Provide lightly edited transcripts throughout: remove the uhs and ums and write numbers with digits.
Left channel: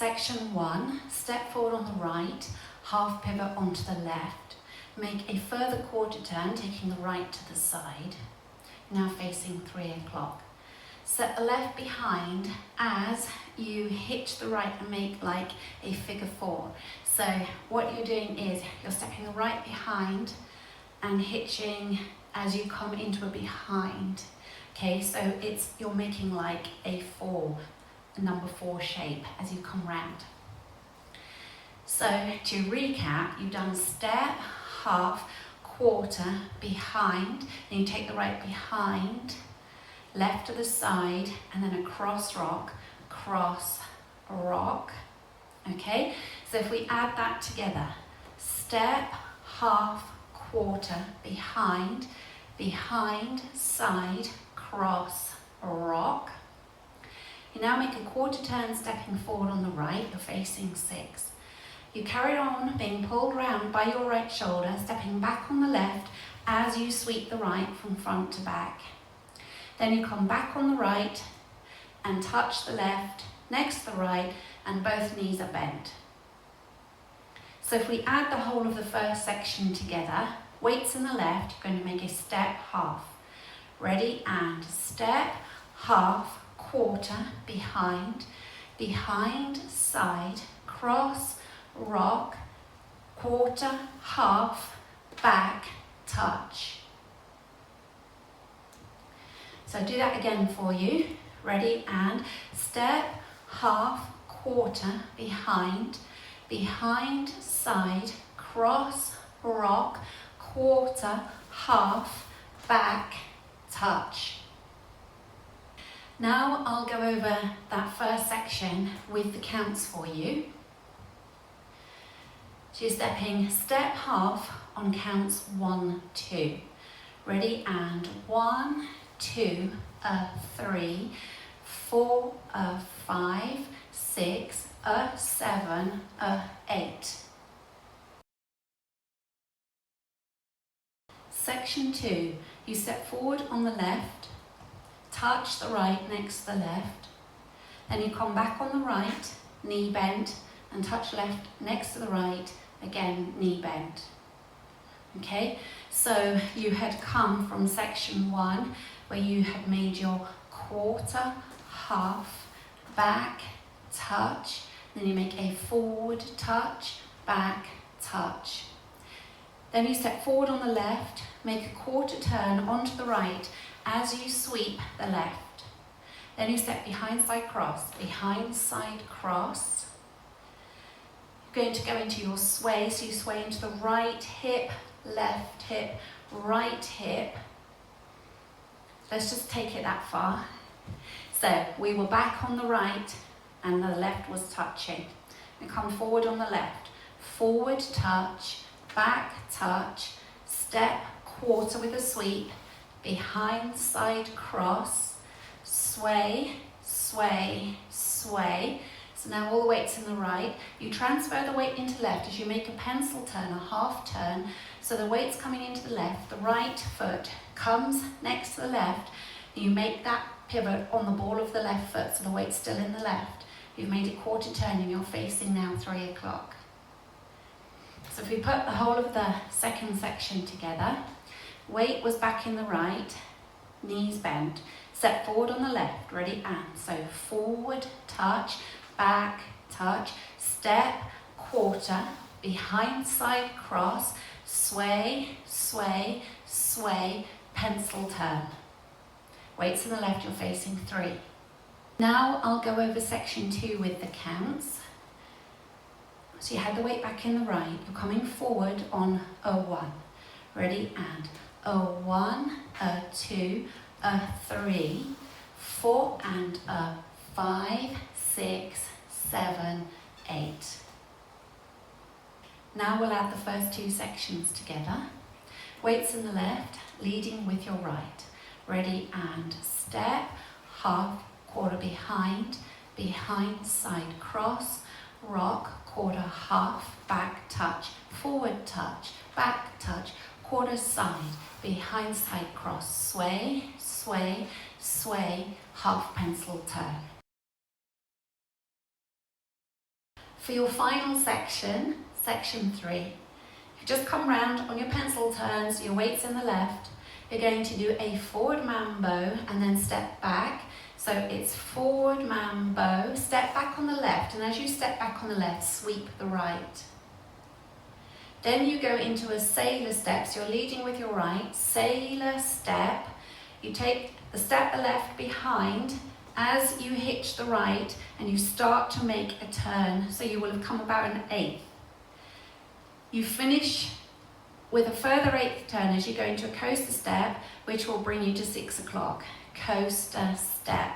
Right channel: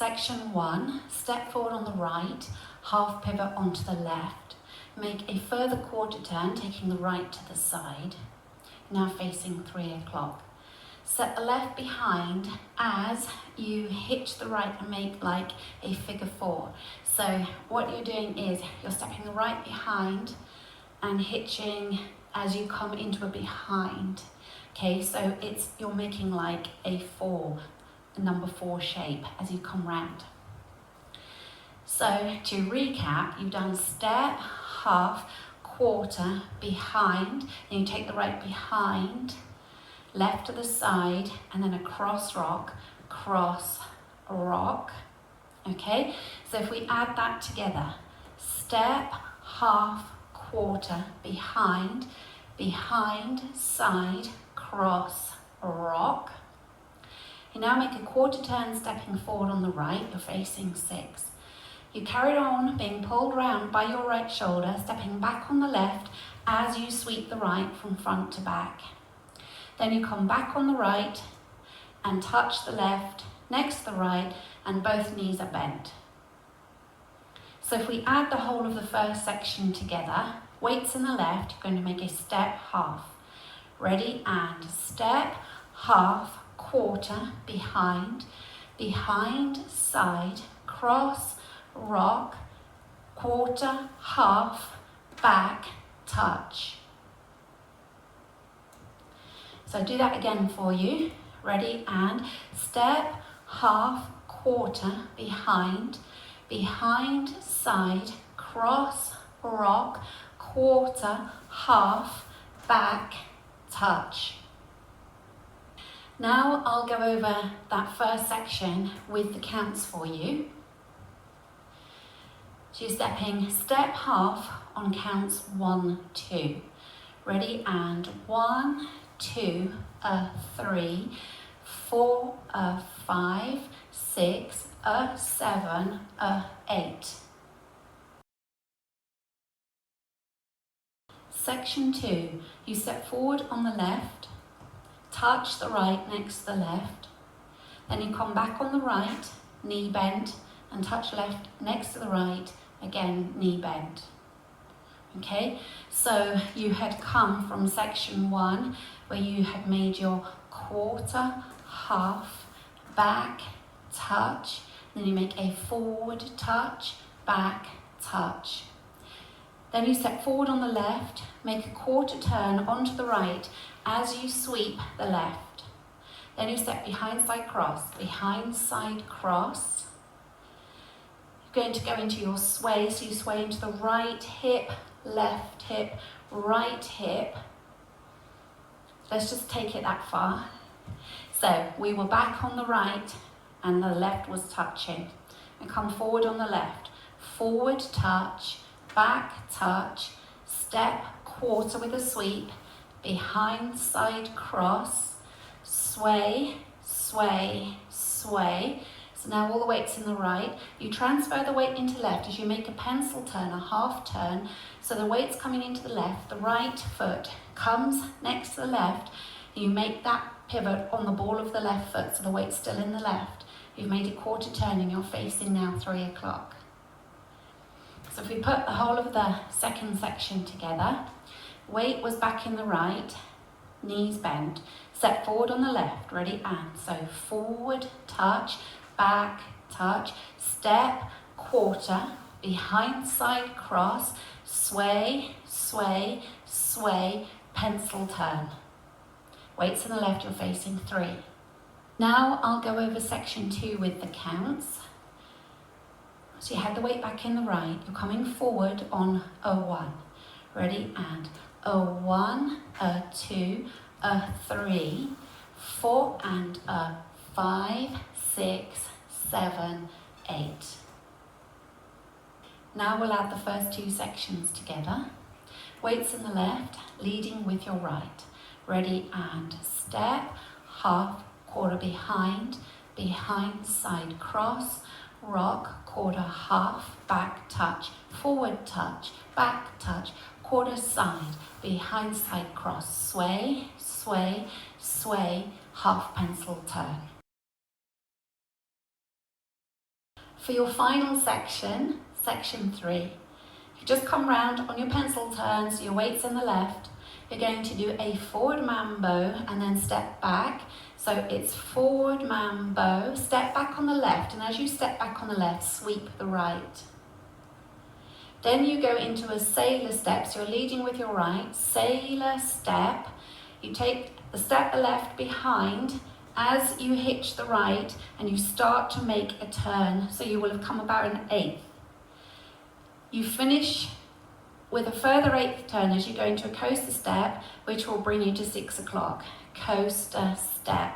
Section 1, step forward on the right, half pivot onto the left. Make a further quarter turn, taking the right to the side, now facing 3 o'clock. Set the left behind as you hitch the right and make like a figure 4. So what you're doing is you're stepping the right behind and hitching as you come into a behind. Okay, so you're making like a 4, a number 4 shape as you come round. So to recap, you've done step, half, quarter, behind, then you take the right behind, left to the side, and then a cross rock, okay? So if we add that together, step, half, quarter, behind, side, cross, rock. You now make a quarter turn stepping forward on the right, you're facing 6. You carry on being pulled round by your right shoulder, stepping back on the left as you sweep the right from front to back. Then you come back on the right and touch the left next to the right, and both knees are bent. So if we add the whole of the first section together, weights in the left, you're going to make a step, half. Ready, and step, half, quarter, behind, side, cross, rock, quarter, half, back, touch. So do that again for you. Ready, and step, half, quarter, behind, side, cross, rock, quarter, half, back, touch. Now I'll go over that first section with the counts for you. So you're stepping step, half on counts 1, 2. Ready, and 1, 2, 3, 4, 5, 6, 7, 8. Section 2, you step forward on the left, touch the right next to the left, then you come back on the right, knee bent, and touch left next to the right, again knee bent. Okay, so you had come from section 1 where you had made your quarter, half, back, touch, then you make a forward touch, back, touch. Then you step forward on the left, make a quarter turn onto the right as you sweep the left. Then you step behind side cross. You're going to go into your sway, so you sway into the right hip, left hip, right hip. Let's just take it that far. So we were back on the right and the left was touching. And come forward on the left, forward touch, back touch, step, quarter with a sweep, behind side cross, sway, sway, sway. So now all the weight's in the right. You transfer the weight into left as you make a pencil turn, a half turn. So the weight's coming into the left, the right foot comes next to the left. You make that pivot on the ball of the left foot, so the weight's still in the left. You've made a quarter turn and you're facing now 3 o'clock. So if we put the whole of the second section together, weight was back in the right, knees bent, step forward on the left, ready, and so forward touch, back touch, step, quarter, behind side cross, sway, sway, sway, pencil turn. Weights in the left, you're facing 3. Now I'll go over section 2 with the counts. So you had the weight back in the right, you're coming forward on a 1. Ready, and a 1, a 2, a 3, 4, and a 5, 6, 7, 8. Now we'll add the first 2 sections together. Weights in the left, leading with your right. Ready, and step, half, quarter behind, side cross, rock, quarter, half, back touch, forward touch, back touch, quarter side, behind side cross, sway, sway, sway, half pencil turn. For your final section, section 3, you just come round on your pencil turns, your weight's in the left. You're going to do a forward mambo and then step back. So it's forward mambo, step back on the left, and as you step back on the left, sweep the right. Then you go into a sailor step, so you're leading with your right, sailor step. You take the step left behind as you hitch the right and you start to make a turn, so you will have come about an eighth. You finish with a further eighth turn as you go into a coaster step, which will bring you to 6 o'clock. Coaster step.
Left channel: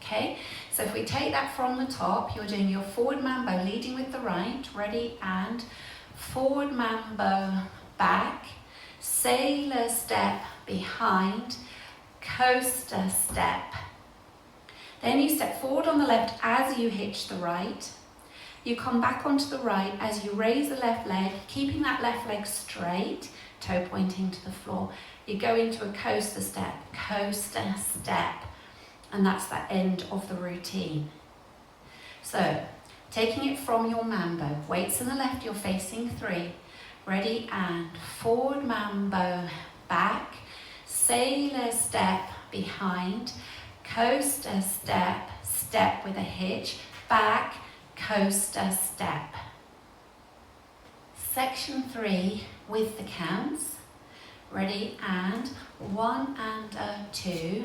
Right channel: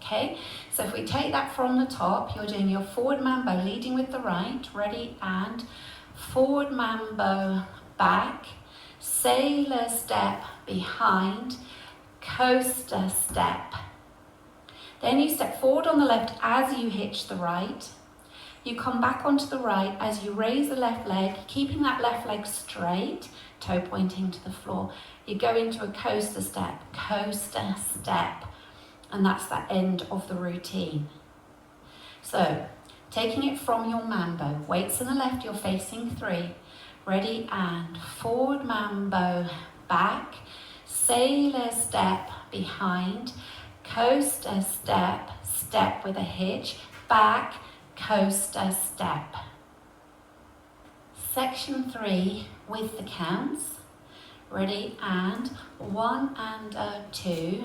Okay, so if we take that from the top, you're doing your forward mambo, leading with the right, ready, and forward mambo, back, sailor step behind, coaster step. Then you step forward on the left as you hitch the right. You come back onto the right as you raise the left leg, keeping that left leg straight, toe pointing to the floor. You go into a coaster step, and that's the end of the routine. So, taking it from your mambo, weights in the left, you're facing 3. Ready, and forward mambo, back, sailor step behind, coaster step, step with a hitch, back, coaster step. Section 3 with the counts. Ready, and 1 and 2,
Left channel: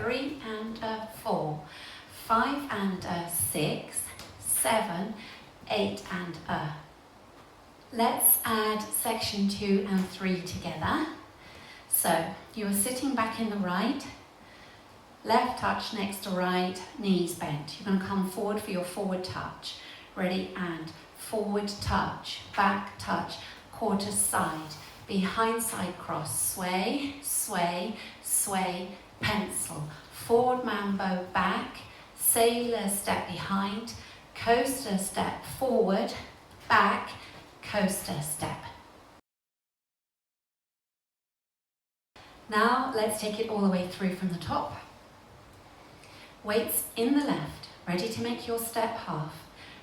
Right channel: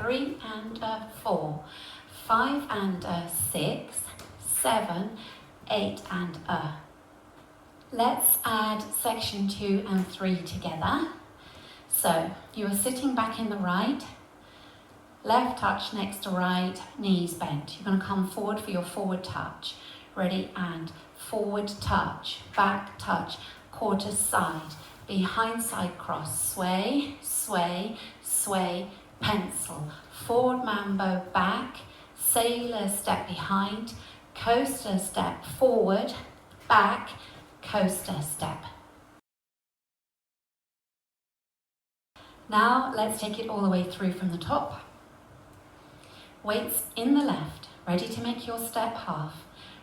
3 and 4, 5 and 6, 7, 8 and Let's add section 2 and 3 together. So you are sitting back in the right, left touch next to right, knees bent. You're going to come forward for your forward touch. Ready, and forward touch, back touch, quarter side, behind side cross, sway, sway, sway, pencil, forward mambo, back, sailor step behind, coaster step forward, back, coaster step. Now let's take it all the way through from the top. Weights in the left, ready to make your step half.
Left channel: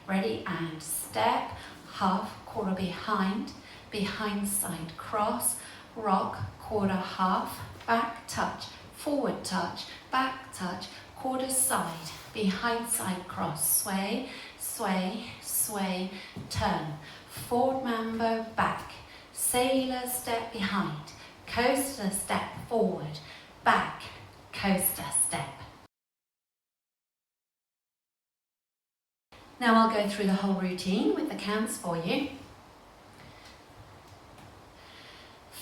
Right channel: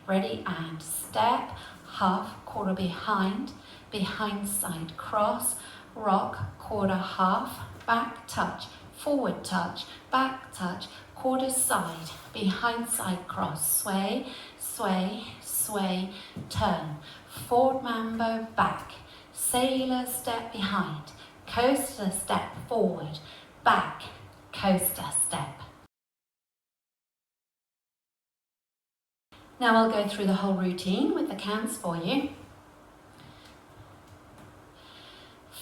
Ready, and step, half, quarter behind, behind side cross, rock, quarter half, back touch, forward touch, back touch, quarter side, behind side cross, sway, sway, sway, turn, forward mambo, back, sailor step behind, coaster step forward, back, coaster step. Now I'll go through the whole routine with the counts for you.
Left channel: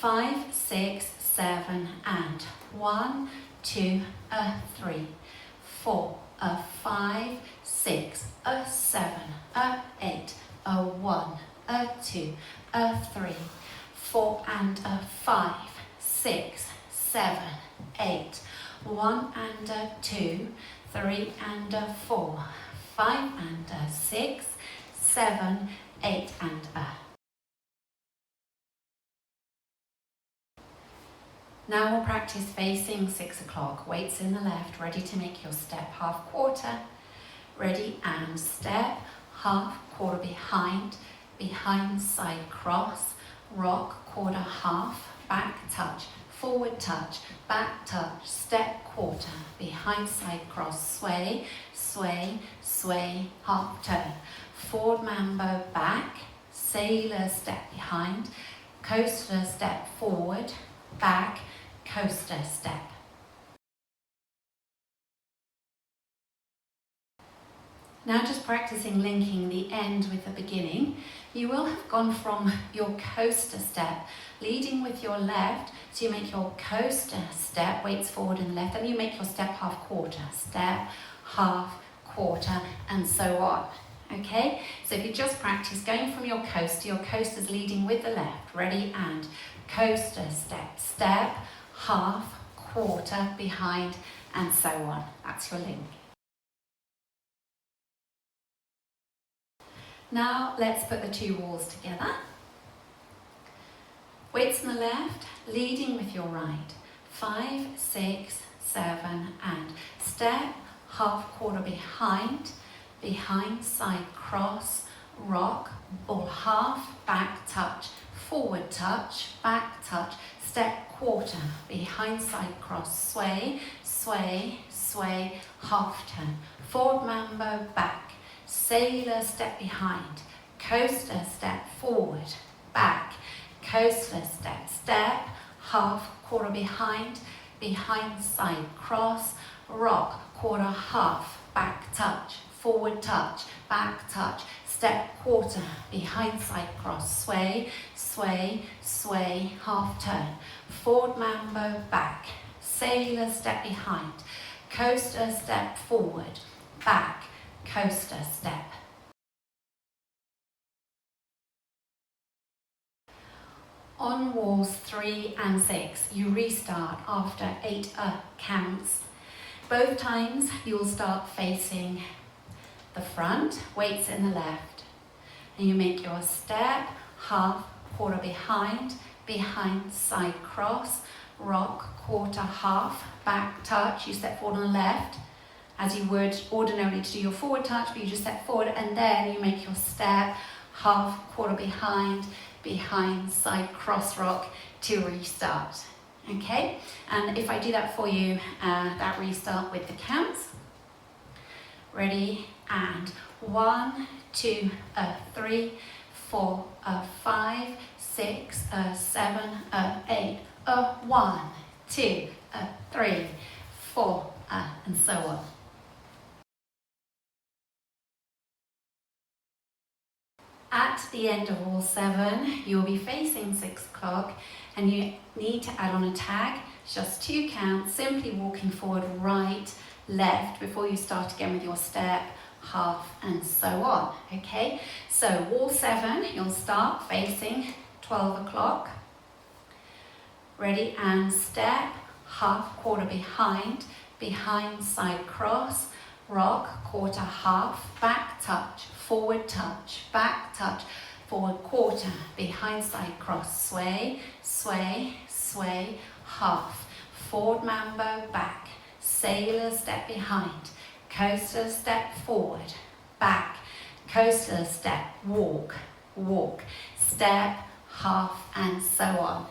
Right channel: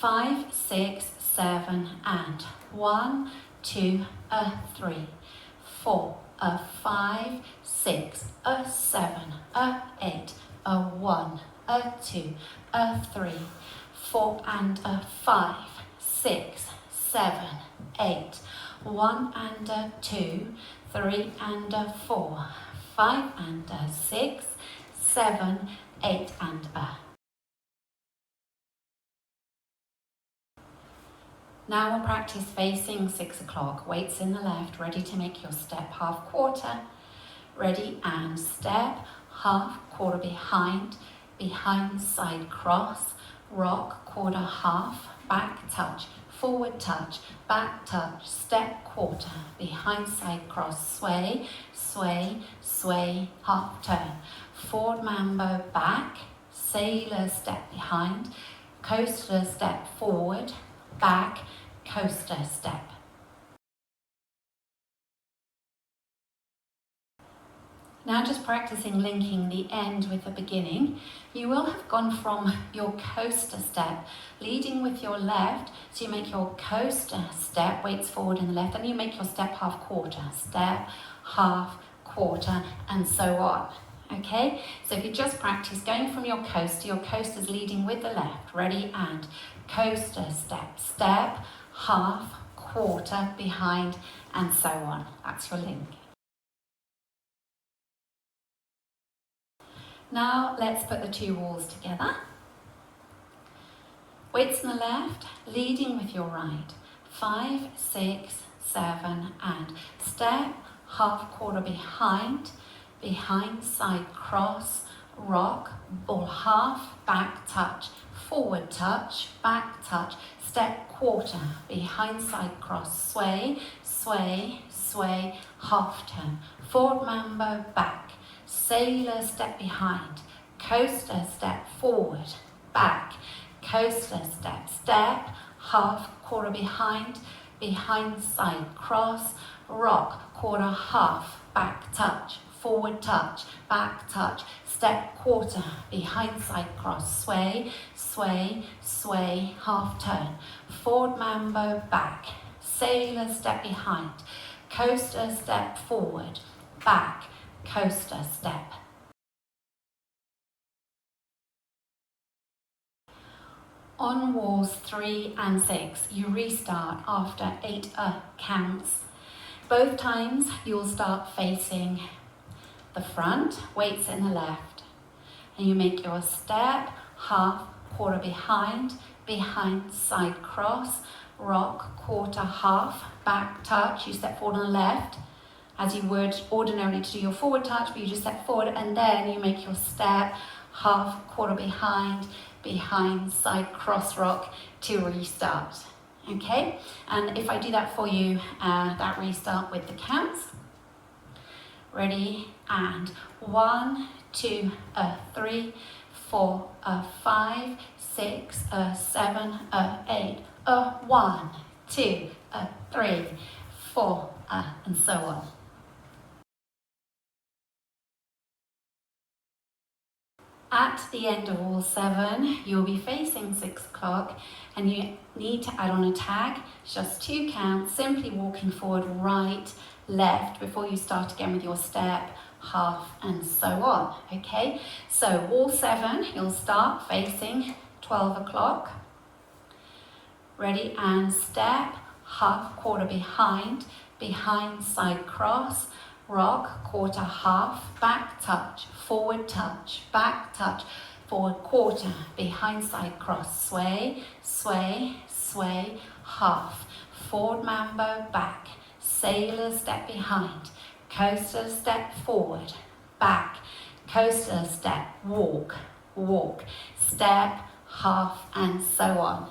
5, 6, 7, and 1, 2, 3, 4, 5, 6, 7, 8, 1, 2, 3, 4 and 5, 6, 7, 8, 1 and 2, 3 and 4, 5 and 6, 7, 8 and Now we'll practice facing 6 o'clock. Weights in the left, ready to make your step half quarter. Ready, and step, half, quarter behind, behind side cross, rock, quarter half, back touch, forward touch, back touch, step quarter, behind side cross, sway, sway, sway, half turn, forward mambo, back, sailor step behind, coaster step forward, back, coaster step. Now just practicing linking the end with the beginning. You will have gone from your coaster step, leading with your left, so you make your coaster step, weights forward and left, and you make your step half quarter, step, half, quarter, and so on. Okay, so if you just practice going from your coaster's leading with the left, ready, and coaster step, step, half, quarter, behind, and so on. That's your link. Now let's put the two walls together. Weights on the left, leading with your right. 5, 6, 7, and step, half quarter behind, behind, side, cross, rock, ball half, back touch, forward touch, back touch, step quarter, behind, side, cross, sway, sway, sway, half turn, forward mambo, back, sailor, step behind, coaster, step forward, back, coaster, step, step, half, quarter behind, behind, side, cross, rock, quarter, half, back touch, forward touch, back touch, step quarter, behind, side, cross, sway, sway, sway, half turn, forward mambo, back, sailor, step behind, coaster, step forward, back, coaster, step. On walls 3 and 6, you restart after 8 counts. Both times you'll start facing the front, weights in the left. And you make your step, half, quarter behind, behind, side cross, rock, quarter, half, back touch. You step forward on the left, as you would ordinarily to do your forward touch, but you just step forward and then you make your step, half, quarter behind, behind, side cross, rock to restart. Okay, and if I do that for you, that restart with the counts. Ready, and 1, 2, 3, 4, 5, 6, 7, 8, 1, 2, 3, 4, and so on. At the end of all 7, you'll be facing 6 o'clock and you need to add on a tag, just 2 counts, simply walking forward, right, left, before you start again with your step, half, and so on, okay? So wall 7, you'll start facing 12 o'clock. Ready, and step, half, quarter behind, behind, side cross, rock, quarter, half, back touch, forward touch, back touch, forward quarter, behind, side cross, sway, sway, sway, half, forward mambo, back, sailor, step behind, coaster, step forward, back, coaster, step, walk, walk, step, half, and so on.